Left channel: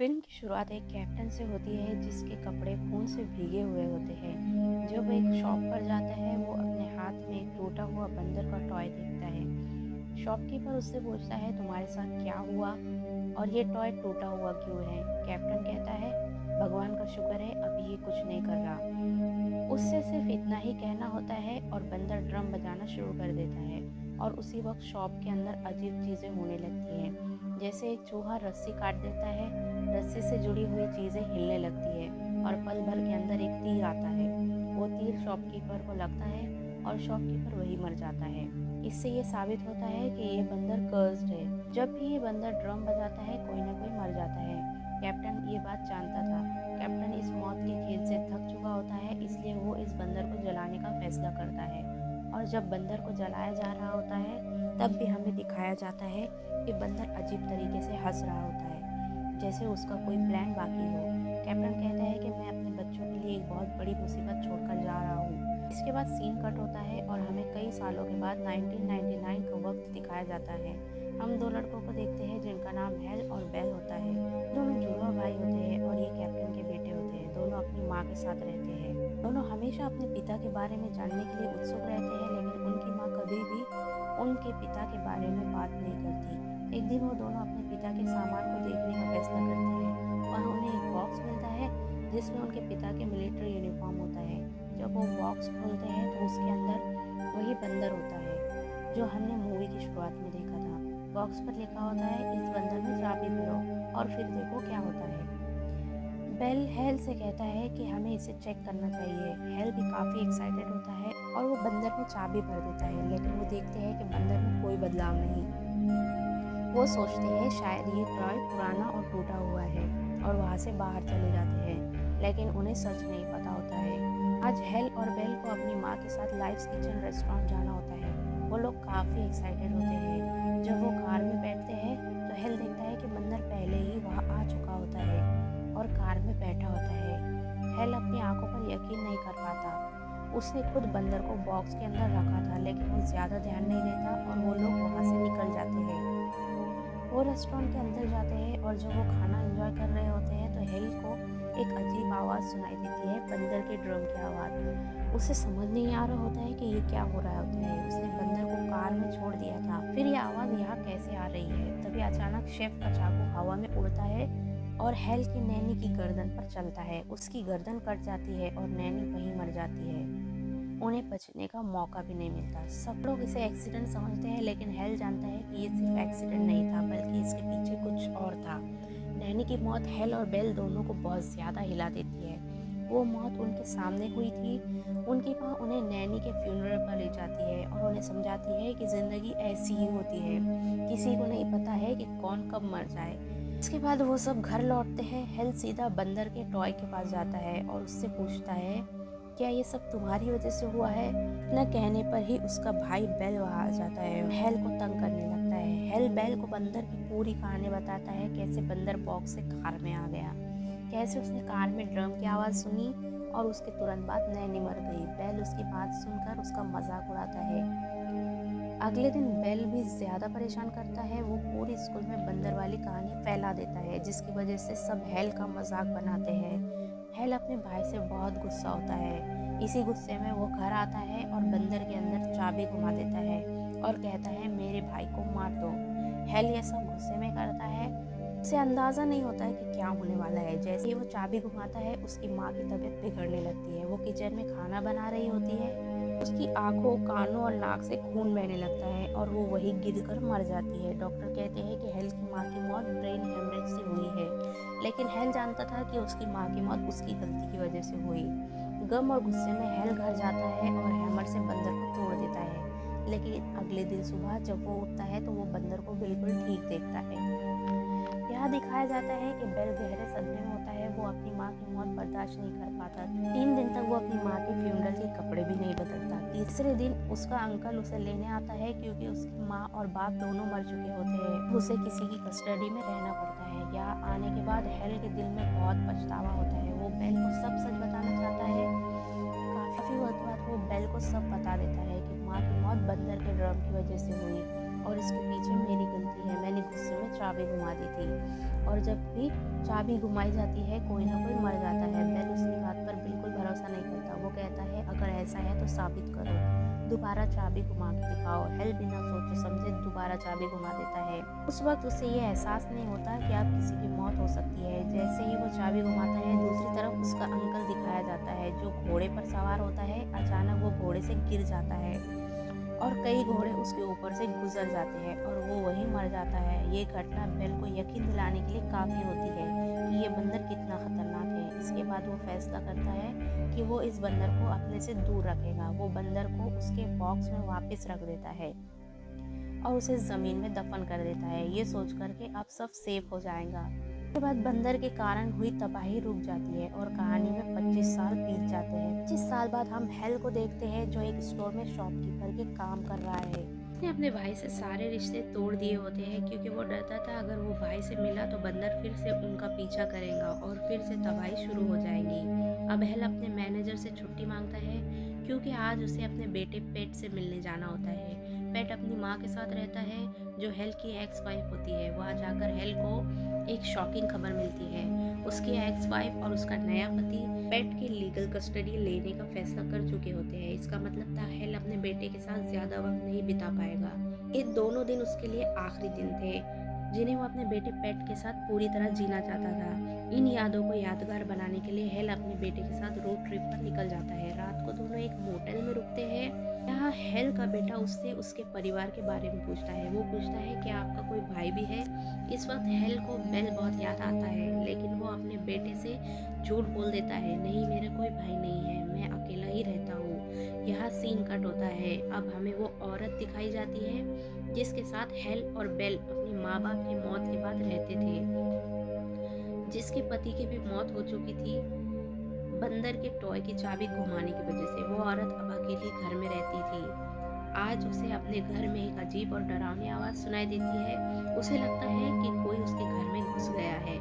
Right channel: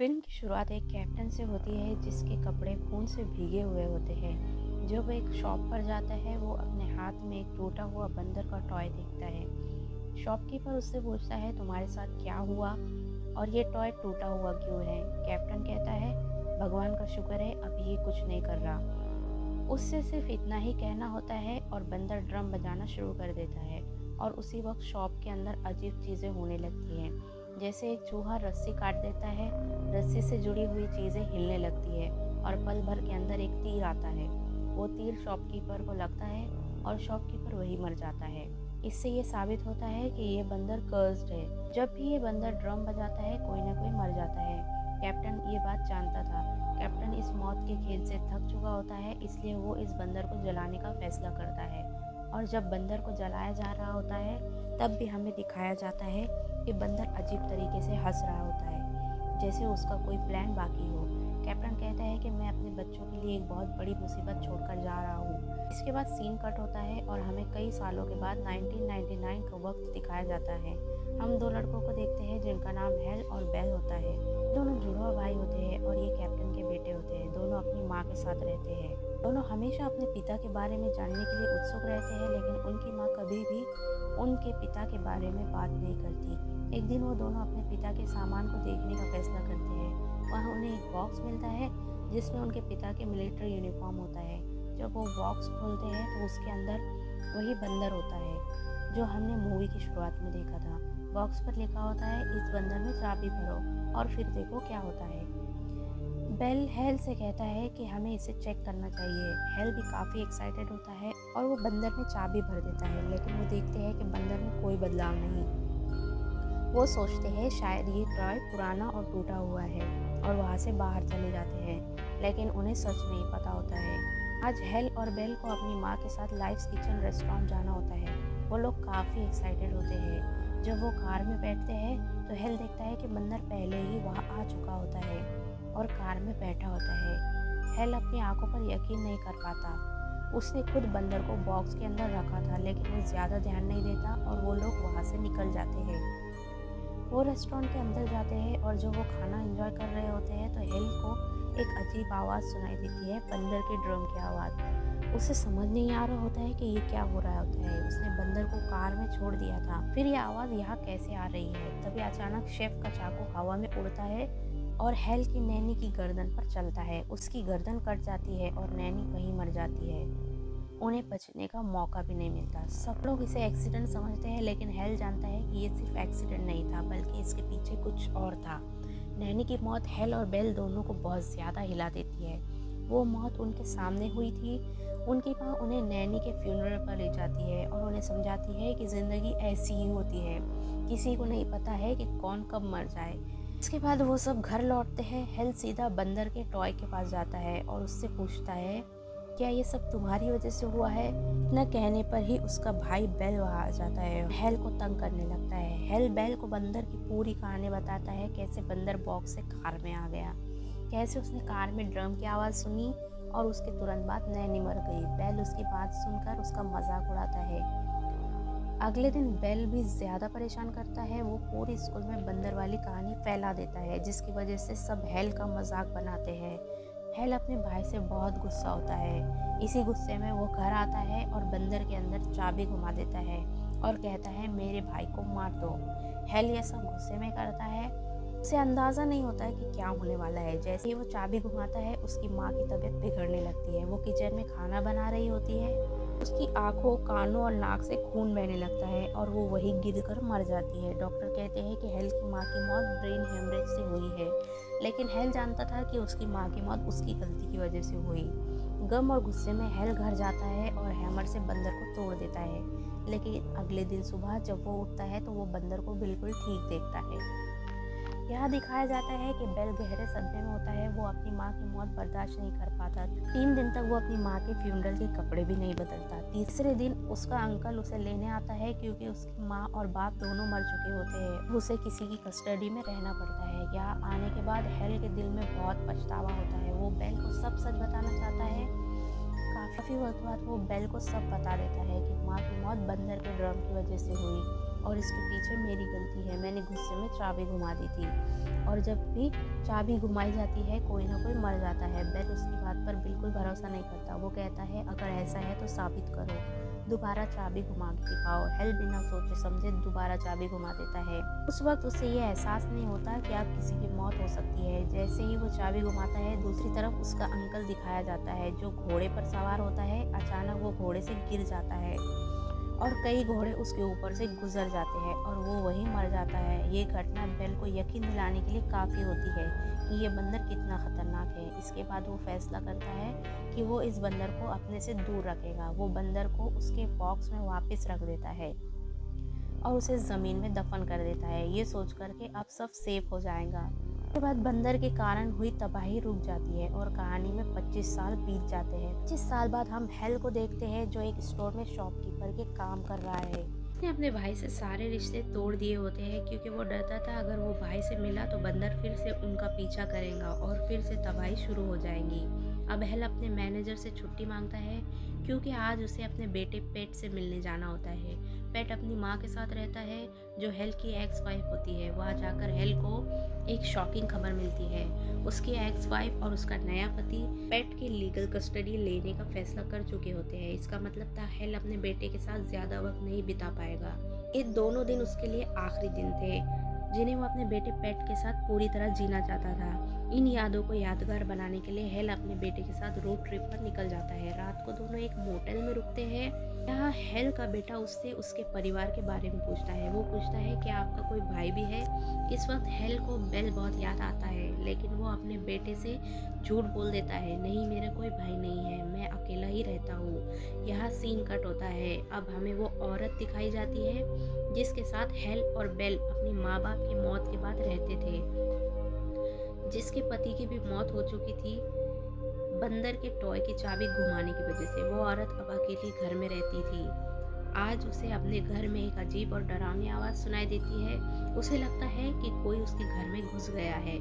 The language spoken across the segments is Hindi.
फिल्म की शुरुआत एक कैप्टन से होती है जिसके कपड़े खून से भीगे हुए होते हैं। जब वो एक शॉप पर जाता है वो अपने हाथ में एक टूटा हुआ बंदर का टॉय देखता है। शॉपकीपर उससे पूछता है तुम्हारे साथ क्या हुआ और ये टॉय टूटा हुआ क्यों है। कैप्टन कहता है भगवान का शुक्र है अभी ये कुछ नहीं कर रहा। उससे सिर्फ इतना ही कहना होता है और बंदर ड्रम बजाना शुरू कर देता है और उसी वक्त शॉप के अंदर अजीब चीज़ें होने लगती हैं। जैसे एक चूहा रस्सी काट देता है, रस्सी से जुड़ी हुई चीज़ें हिलने लगती है और पल भर के अंदर एक तीर आता है। वो तीर शॉपकीपर को लगता है और शॉपकीपर वही मर जाता है। इससे ये साबित होता है कि ये बंदर कर्स्ड है। जब भी ये बंदर ड्रम बजाता है कोई ना कोई मर जाता है। कैप्टन ये बात जानता था। कैप्टन इस मौत के खेल से थक चुका होता है, इसलिए वो इस बंदर को जलाने का फैसला करता है। और जब बंदर को जलाया जा रहा होता है तब भी हमें दिखाया जाता है कि बंदर अजीब तरीके से हंस रहा होता है, जैसे उसका कोई प्लान बाकी हो। कैप्टन कहता है कि मैं अपने बच्चों के लिए एक बहुत बड़ी मुसीबत छोड़कर जा रहा हूँ। इसके बाद सीन कट होता है और हमें कई सालों के बाद 1999 का वक्त दिखाया जाता है। हम दो लड़कों को देखते हैं जिनका नाम हेल और बेल होता है। दोनों जुड़वा भाई होते हैं और ये कैप्टन के बेटे होते हैं। दोनों अपनी माँ के साथ रहते हैं। दोनों हमेशा अपने पिता के बारे में जानने के लिए उत्सुक रहते हैं, लेकिन उनकी माँ कभी भी उनके पिता के बारे में बात नहीं करती। एक दिन वो दोनों अपने पिता के सामान को देखने का फैसला करते हैं। वहाँ उन्हें एक बॉक्स मिलता है जिसमें उनके पिता के मिलिट्री यूनिफॉर्म होता है। जब वो बॉक्स खोलते हैं तो उसके अंदर वही बंदर होता है जो हमने मूवी की शुरुआत में देखा था। बॉक्स पर लिखा होता है इस बंदर में चाबी भरो और फिर देखो क्या होता है। बेल हेल से कहता है कि हमें इसे चेक करना चाहिए। हेल भी काफ़ी एक्साइटेड होता है और वो बंदर में चाबी भर देता है, लेकिन वो देखते हैं कि बंदर में कोई बदलाव नहीं। वो सोचते हैं शायद ये टॉय पुराना और टूटा हुआ है और वहाँ से बाहर चले जाते हैं, लेकिन उन्हें सच नहीं पता होता है। आज हेल और बेल को अपनी माँ के साथ लाइव्स किचन रेस्टोरेंट जाना होता है। वो लोग काफ़ी एक्साइटेड होते हैं। जब वो कार में बैठते हैं तो हेल देखता है कि बंदर पहले ही वहाँ आ चुका होता है और कार में बैठा होता है। हेल अपनी आंखों पर यकीन नहीं कर पाता। उसने खुद बंदर को बॉक्स के अंदर रखा था, लेकिन वो ज़्यादा ध्यान नहीं देता और वो लोग वहाँ से निकल जाते हैं। वो रेस्टोरेंट के अंदर जाते हैं और जब वो खाना एंजॉय कर रहे होते हैं तो हेल को एक अजीब आवाज़ सुनाई देती है, बंदर के ड्रम की आवाज़। उसे समझ नहीं आ रहा होता है कि ये क्या हो रहा होता है। उसने बंदर को कार में छोड़ दिया था, फिर ये आवाज़ यहाँ कैसे आ रही है। तभी अचानक शेफ का चाकू हवा में उड़ता है और हेल की नैनी की गर्दन पर चलता है। उसकी गर्दन कट जाती है और नैनी वहीं मर जाती है। उन्हें बचने का मौका भी नहीं मिलता। सब लोग इसे एक्सीडेंट समझते हैं, लेकिन हेल जानता है कि ये सिर्फ एक्सीडेंट नहीं था, बल्कि इसके पीछे कुछ और था। नैनी की मौत हेल और बेल दोनों को बहुत ज़्यादा हिला देती है। वो मौत उनके सामने हुई थी। उनकी माँ उन्हें नैनी के फ्यूनरल पर ले जाती है और उन्हें समझाती है कि ज़िंदगी ऐसी ही होती है, किसी को नहीं पता है कि कौन कब मर जाए। इसके बाद वो सब घर लौटते हैं। हेल सीधा बंदर के टॉय के पास जाता है और उससे पूछता है क्या ये सब तुम्हारी वजह से हुआ है। न कहने पर ही उसका भाई बेल वहाँ आ जाता है, हेल को तंग करने लगता है। हेल बेल को बंदर की पूरी कहानी बताता है, कैसे बंदर बॉक्स से कार में आ गया, कैसे उसने कार में ड्रम की आवाज़ सुनी और उसके तुरंत बाद नैनी मर गई। बेल उसकी बात सुनकर उसका मजाक उड़ाता है। अगले दिन बेल भी ज़्यादा परेशान करता है। वो पूरे स्कूल में बंदर वाली कहानी फैला देता है, जिसकी वजह से सब हेल का मजाक बनाते हैं। हेल अपने भाई से बहुत गुस्सा होता है। इसी गुस्से में वो घर आता है और बंदर के अंदर चाबी घुमा देता है और कहता है मेरे भाई को मार दो। हेल ये सब गुस्से में करता है। उसे अंदाज़ा नहीं होता है कि क्या होने वाला है। जैसे ही वो चाबी घुमाता है उसकी माँ की तबीयत बिगड़ने लगती है। वो किचन में खाना बना रही होती है, उसकी आंखों, कानों और नाक से खून बहने लगता है और वो वहीं गिरकर मर जाती है। डॉक्टर कहते हैं कि हेल की माँ की मौत ब्रेन हेमरेज से हुई है, लेकिन हेल जानता था कि उसकी माँ की मौत उसकी गलती की वजह से हुई। गम और गुस्से में हेल घर जाता है और हैमर से बंदर को तोड़ देता है, लेकिन अगले दिन सुबह जब वो उठता है तो वो बंदर को बिल्कुल ठीक देखता है। यहाँ दिखाया जाता है कि बेल गहरे सदमे में होता है। वो अपनी माँ की मौत बर्दाश्त नहीं कर पाता। 3 दिन तक वो अपनी माँ के फ्यूनरल के कपड़े भी नहीं बदलता। तीसरे दिन उसका अंकल उसे लेने आता है, क्योंकि उसकी माँ और बाप दोनों मर चुके होते हैं। उसे किसी की कस्टडी में रहना पड़ता है। यहाँ आने के बाद हेल के दिल में बहुत पछतावा होता है। वो बेल को सब सच बताना चाहता है। काफ़ी वक्त बाद वो बेल को सब बता देता है कि माँ की मौत बंदर के ड्रम की वजह से हुई। और इसके पीछे मेरी गलती है, मैंने गुस्से में चाबी घुमा दी थी। और जब भी चाबी घुमाई जाती है कोई ना कोई मर जाता है। बेल उसकी बात पर बिल्कुल भरोसा नहीं करता। वो कहता है अगर ऐसा है तो साबित करो, दोबारा चाबी घुमा के दिखाओ। हेल बिना सोचे समझे दोबारा चाबी घुमा देता है। उस वक्त उसे ये एहसास नहीं होता कि अब किसी की मौत हो सकती है। जैसे ही वो चाबी घुमाता है दूसरी तरफ उसका अंकल दिखाया जाता है जो घोड़े पर सवार होता है। अचानक वो घोड़े से गिर जाता है और कई घोड़े उसके ऊपर से गुजर जाते हैं और वो वहीं मर जाता है। ये घटना बेल को यकीन दिलाने के लिए काफ़ी होती है कि ये बंदर कितना ख़तरनाक है। इसके बाद वो फैसला करता है कि वो इस बंदर को अपने से दूर रखेगा। वो बंदर को उसके बॉक्स में वापस रख देता है और उसे ज़मीन में दफन कर देता है, ये सोच कर के अब सब सेफ हो जाएगा। उसके बाद बंदर के कारण हुई तबाही रुक जाती है और कहानी में 25 साल बीत जाते हैं। 25 साल बाद हम हेल को देखते हैं जो एक स्टोर में शॉपकीपर के काम कर रहा है। उसने अपने भाई से सारे रिश्ते तोड़ दिए होते हैं क्योंकि वो डरता था अगर वो भाई से मिला तो बंदर फिर से उनका पीछा करेगा और फिर से तबाही शुरू हो जाएगी। अब हेल अपने मैनेजर से छुट्टी मांगता है क्योंकि आज उसे अपने बेटे पेट से मिलने जाना होता है। पेट अपनी माँ के साथ रहता है जो हेल की एक्स वाइफ होती है। वहाँ जाकर हेल को एक शॉकिंग खबर मिलती है। उसकी एक्स वाइफ और उसका नया पति पेट की लीगल कस्टडी लेने का फैसला कर चुके होते हैं। इसका मतलब था हेल अपने बेटे के साथ ज्यादा वक्त नहीं बिता पाएगा। ये दोनों दिन उसके लिए आखिरी दिन थे जिन्हें वो अपने बेटे पेट के साथ पूरी तरह जीना चाहता था। इन यादों को यादगार बनाने के लिए हेल अपने बेटे के साथ रोड ट्रिप पर निकल जाता है। रात को दोनों एक मोटेल में रुकते हैं। यहाँ हेल का बेटा उससे उसके परिवार के बारे में पूछता है। वो पूछता है कि आपका कोई भाई भी है। इस वक्त हेल को बेल बहुत याद आता है लेकिन वो अपने बेटे से झूठ बोल देता है, नहीं मेरा कोई भाई नहीं है, मैं अकेला ही रहता हूँ। यहाँ सीन कट होता है। अब हमें वो औरत दिखाई जाती है जिसके साथ हेल और बेल अपनी माँ बाप की मौत के बाद रहते थे, जिसके पति की भी मौत हो चुकी थी बंदर के टॉय की चाबी घुमाने की वजह से। वो औरत अब अकेली घर में रहती थी। आज उसे अपने घर में एक अजीब और डरावनी आवाज़ सुनाई देती है। उसे लगता है कि कोई उसके घर में घुस गया है।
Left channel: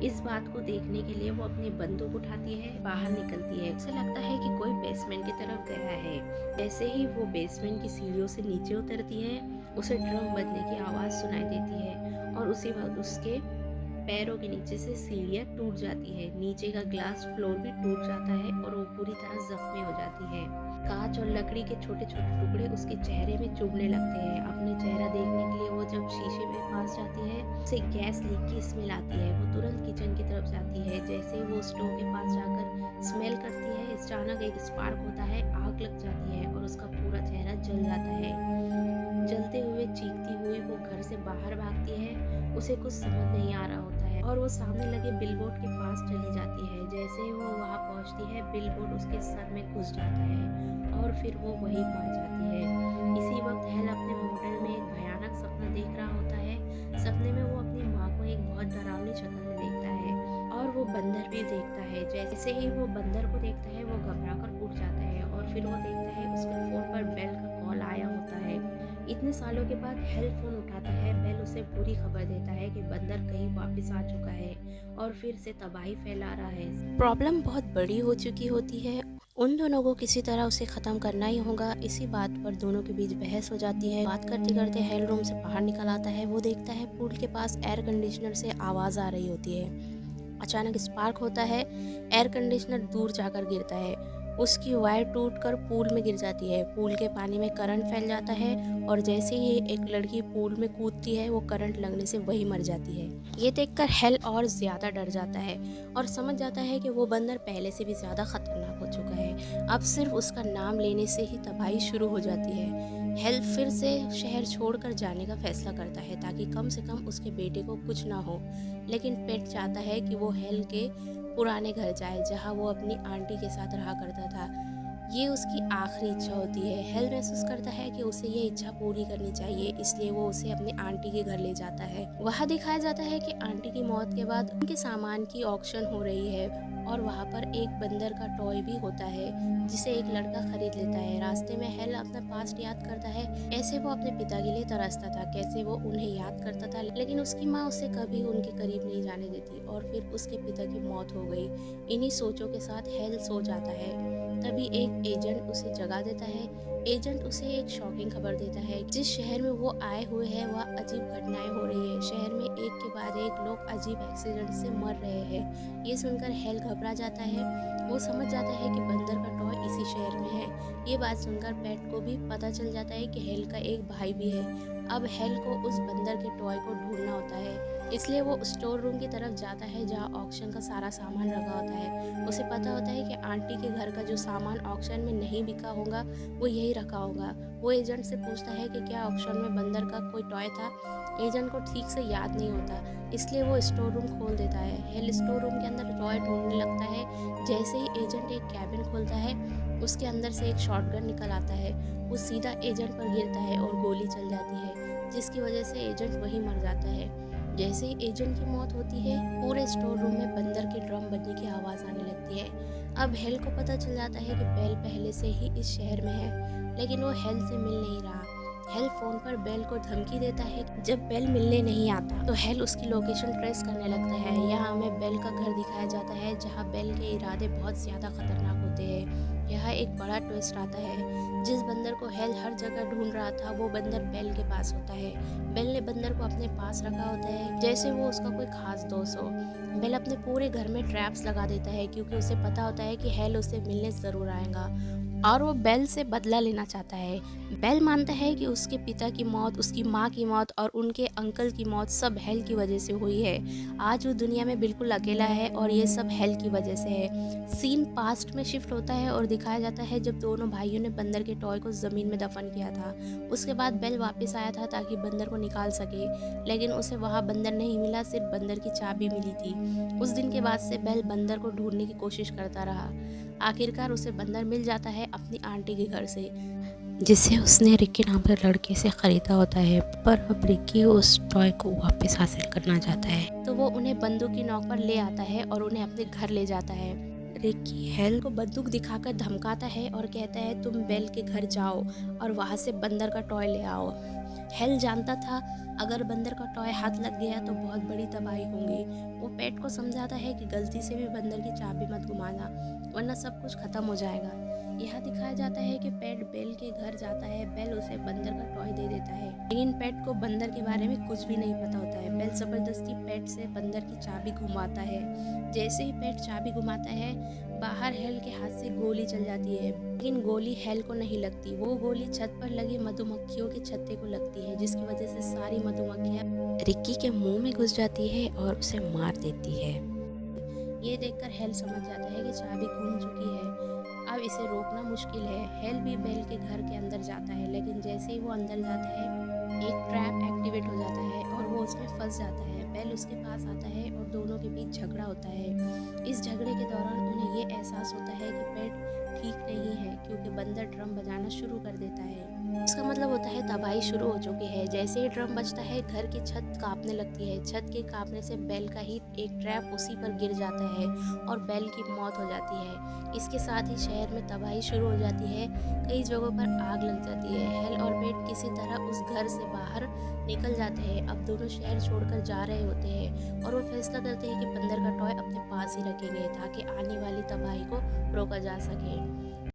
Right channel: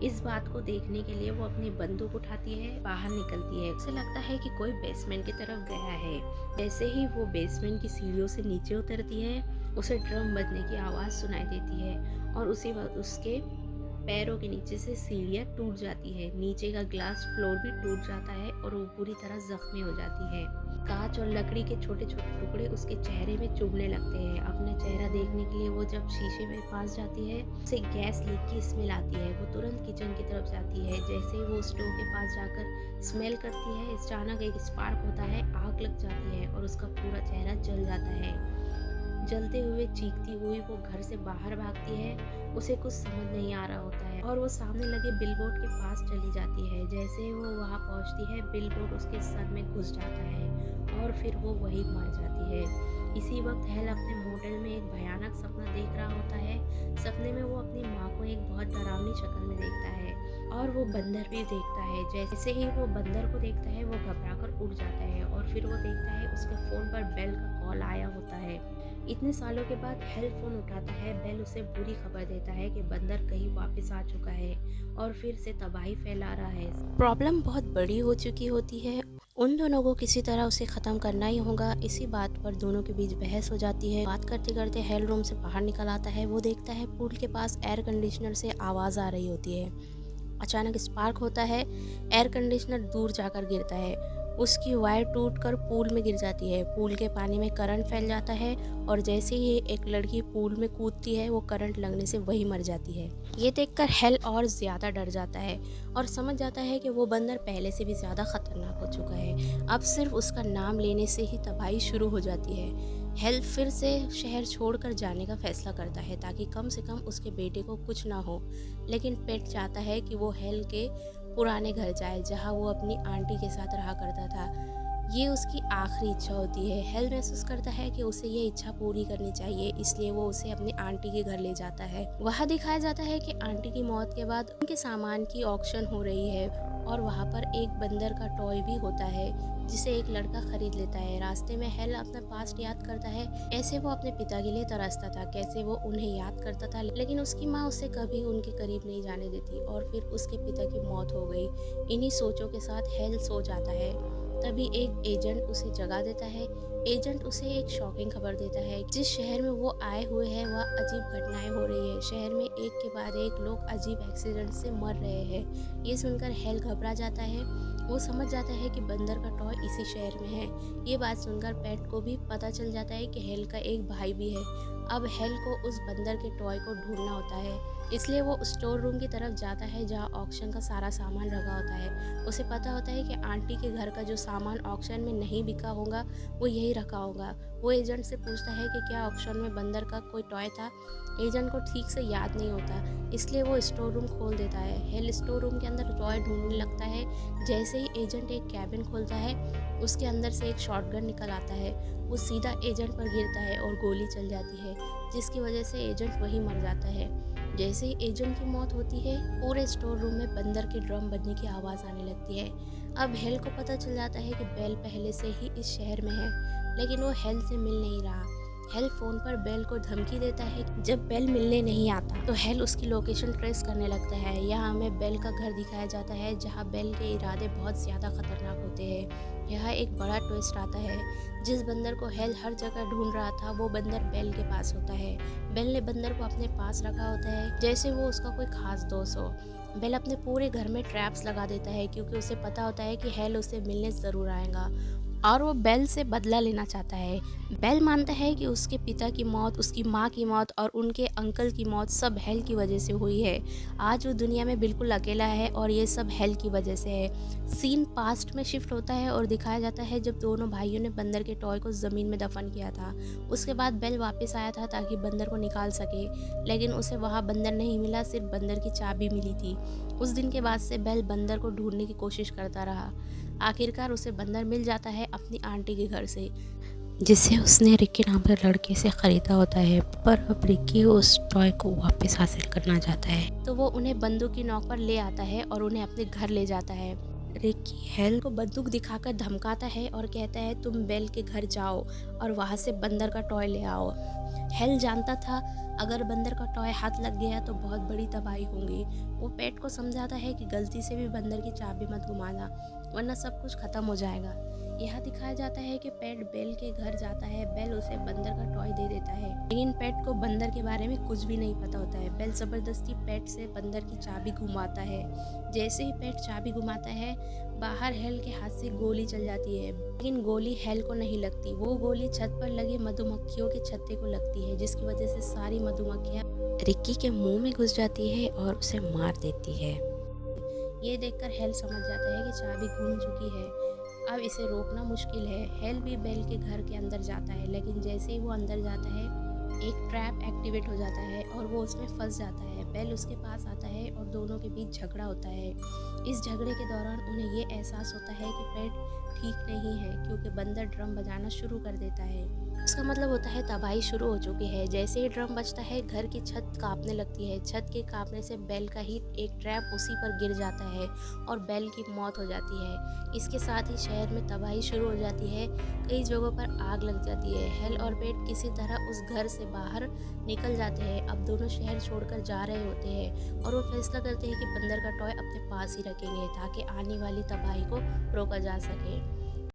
इस बात को देखने के लिए वो अपनी बंदूक उठाती है, बाहर निकलती है। उसे लगता है कि कोई बेसमेंट की तरफ गया है। जैसे ही वो बेसमेंट की सीढ़ियों से नीचे उतरती है उसे ड्रम बजने की आवाज़ सुनाई देती है और उसी वक्त उसके पैरों के नीचे से सीढ़ियाँ टूट जाती है। नीचे का ग्लास फ्लोर भी टूट जाता है और वो पूरी तरह जख्मी हो जाती है। कांच और लकड़ी के छोटे छोटे टुकड़े उसके चेहरे में चुभने लगते हैं। अपने चेहरा देखने के लिए वो जब शीशे में पास जाती है उसे गैस लीक की स्मेल आती है। वो तुरंत किचन की तरफ जाती है। जैसे ही वो स्टोव के पास जाकर स्मेल करती है अचानक एक स्पार्क होता है, आग लग जाती है और उसका पूरा चेहरा जल जाता है। जलते हुए चीखती हुई वो घर से बाहर भागती है। उसे कुछ समझ नहीं आ रहा होता है और वो सामने लगे बिलबोर्ड के पास चली जाती है। जैसे ही वो वहाँ पहुँचती है बिलबोर्ड उसके सर में घुस जाता है और फिर वो वहीं मर जाती है। इसी वक्त हेल अपने मॉडल में एक भयानक सपना देख रहा होता है। सपने में वो अपनी माँ को एक बहुत डरावनी शक्ल में देखता है और वो बंदर भी देखता है। जैसे ही वो बंदर को देखता है वो घबरा कर उठ जाता है और फिर वो देखता है उसके फ़ोन पर बेल का कॉल आया होता है। इतने सालों के बाद हेल फोन उठाता है। बेल उसे बुरी खबर देता है कि बंदर कहीं वापस आ चुका है और फिर से तबाही फैला रहा है। प्रॉब्लम बहुत बड़ी हो चुकी होती है। उन दोनों को किसी तरह उसे ख़त्म करना ही होगा। इसी बात पर दोनों के बीच बहस हो जाती है। बात करते करते हेल रूम से बाहर निकल आता है। वो देखता है पूल के पास एयर कंडीशनर से आवाज़ आ रही होती है। अचानक स्पार्क होता है, एयर कंडीशनर दूर जाकर गिरता है। उसकी वायर टूटकर पूल में गिर जाती है। पूल के पानी में करंट फैल जाता है और जैसे ही एक लड़की पूल में कूदती है वो करंट लगने से वही मर जाती है। ये देखकर हेल और ज़्यादा डर जाता है और समझ जाता है कि वो बंदर पहले से भी ज़्यादा खतरनाक हो चुका है। अब सिर्फ उसका नाम लेने से ही तबाही शुरू हो जाती है। हेल फिर से शहर छोड़कर जाने का फैसला करता है ताकि कम से कम उसके बेटे को कुछ ना हो। लेकिन पेट चाहता है कि वो हेल के पुराने घर जाए जहाँ वो अपनी आंटी के साथ रहा करता था। ये उसकी आखिरी इच्छा होती है। हेल महसूस करता है कि उसे ये इच्छा पूरी करनी चाहिए, इसलिए वो उसे अपनी आंटी के घर ले जाता है। वहाँ दिखाया जाता है कि आंटी की मौत के बाद उनके सामान की ऑक्शन हो रही है और वहाँ पर एक बंदर का टॉय भी होता है जिसे एक लड़का खरीद लेता है। रास्ते में हेल अपना पास्ट याद करता है, कैसे वो अपने पिता के लिए तरसता था, कैसे वो उन्हें याद करता था लेकिन उसकी माँ उसे कभी उनके करीब नहीं जाने देती और फिर उसके पिता की मौत हो गई। इन्हीं सोचों के साथ हेल सो जाता है। तभी एक एजेंट उसे जगा देता है। एजेंट उसे एक शॉकिंग खबर देता है, जिस शहर में वो आए हुए हैं वह अजीब घटनाएं हो रही है। शहर में एक के बाद एक लोग अजीब एक्सीडेंट से मर रहे हैं। ये सुनकर हेल घबरा जाता है। वो समझ जाता है कि बंदर का टॉय इसी शहर में है। ये बात सुनकर पेट को भी पता चल जाता है कि हेल का एक भाई भी है। अब हेल को उस बंदर के टॉय को ढूंढना होता है, इसलिए वो स्टोर रूम की तरफ जाता है जहाँ ऑक्शन का सारा सामान रखा होता है। उसे पता होता है कि आंटी के घर का जो सामान ऑक्शन में नहीं बिका होगा वो यही रखा होगा। वो एजेंट से पूछता है कि क्या ऑक्शन में बंदर का कोई टॉय था। एजेंट को ठीक से याद नहीं होता, इसलिए वो स्टोर रूम खोल देता है। हेल स्टोर रूम के अंदर टॉय ढूंढने लगता है। जैसे ही एजेंट एक कैबिन खोलता है, उसके अंदर से एक शॉटगन निकल आता है। वो सीधा एजेंट पर गिरता है और गोली चल जाती है, जिसकी वजह से एजेंट वहीं मर जाता है। जैसे ही एजेंट की मौत होती है, पूरे स्टोर रूम में बंदर के ड्रम बजने की आवाज़ आने लगती है। अब हेल को पता चल जाता है कि बेल पहले से ही इस शहर में है, लेकिन वो हेल से मिल नहीं रहा। हेल फ़ोन पर बेल को धमकी देता है कि जब बेल मिलने नहीं आता तो हेल उसकी लोकेशन ट्रेस करने लगता है। यहाँ हमें बेल का घर दिखाया जाता है, जहाँ बेल के इरादे बहुत ज़्यादा खतरनाक होते हैं। यहाँ एक बड़ा ट्विस्ट आता है। जिस बंदर को हेल हर जगह ढूंढ रहा था वो बंदर बेल के पास होता है। बेल ने बंदर को अपने पास रखा होता है जैसे वो उसका कोई खास दोस्त हो। बेल अपने पूरे घर में ट्रैप्स लगा देता है, क्योंकि उसे पता होता है कि हेल उसे मिलने ज़रूर आएगा और वो बेल से बदला लेना चाहता है। बेल मानता है कि उसके पिता की मौत, उसकी माँ की मौत और उनके अंकल की मौत सब हेल की वजह से हुई है। आज वो दुनिया में बिल्कुल अकेला है और ये सब हेल की वजह से है। सीन पास्ट में शिफ्ट होता है और दिखाया जाता है जब दोनों भाइयों ने बंदर के टॉय को ज़मीन में दफन किया था। उसके बाद बेल वापस आया था ताकि बंदर को निकाल सके, लेकिन उसे वहाँ बंदर नहीं मिला, सिर्फ बंदर की चाबी मिली थी। उस दिन के बाद से बेल बंदर को ढूंढने की कोशिश करता रहा। आखिरकार उसे बंदर मिल जाता है अपनी आंटी के घर से, जिसे उसने रिक्की नाम के लड़के से ख़रीदा होता है। पर अब रिक्की उस टॉय को वापस हासिल करना चाहता है, तो वो उन्हें बंदूक की नोक पर ले आता है और उन्हें अपने घर ले जाता है। रिक्की हेल को बंदूक दिखाकर धमकाता है और कहता है तुम बेल के घर जाओ और वहाँ से बंदर का टॉय ले आओ। हेल जानता था अगर बंदर का टॉय हाथ लग गया तो बहुत बड़ी तबाही होगी। वो पेट को समझाता है कि गलती से भी बंदर की चाबी मत घुमाना, वरना सब कुछ खत्म हो जाएगा। यह दिखाया जाता है कि पेट बेल के घर जाता है। बेल उसे बंदर का टॉय दे देता है, लेकिन पेट को बंदर के बारे में कुछ भी नहीं पता होता है। बेल ज़बरदस्ती पेट से बंदर की चाबी घुमाता है। जैसे ही पेट चाबी घुमाता है, बाहर हेल के हाथ से गोली चल जाती है, लेकिन गोली हेल को नहीं लगती। वो गोली छत पर लगी मधुमक्खियों के छत्ते को लगती है, जिसकी वजह से सारी मधुमक्खियाँ रिक्की के मुंह में घुस जाती है और उसे मार देती है। ये देखकर हेल समझ जाता है कि चाबी घूम चुकी है, अब इसे रोकना मुश्किल है। हेल भी बेल के घर के अंदर जाता है, लेकिन जैसे ही वो अंदर जाता है, एक ट्रैप एक्टिवेट हो जाता है और वो उसमें फंस जाता है। बेल उसके पास आता है और दोनों के बीच झगड़ा होता है। इस झगड़े के दौरान उन्हें ये एहसास होता है कि पेट ठीक नहीं है, क्योंकि बंदर ड्रम बजाना शुरू कर देता है। इसका मतलब होता है तबाही शुरू हो चुकी है। जैसे ही ड्रम बजता है, घर की छत कांपने लगती है। छत के कांपने से बेल का ही एक ट्रैप उसी पर गिर जाता है और बेल की मौत हो जाती है। इसके साथ ही शहर में तबाही शुरू हो जाती है। कई जगहों पर आग लग जाती है। हेल और पेट किसी तरह उस घर से बाहर निकल जाते हैं। अब दोनों शहर छोड़कर जा रहे होते हैं और वो फैसला करते हैं कि बंदर का टॉय अपने पास ही रखेंगे ताकि आने वाली तबाही को रोका जा सके।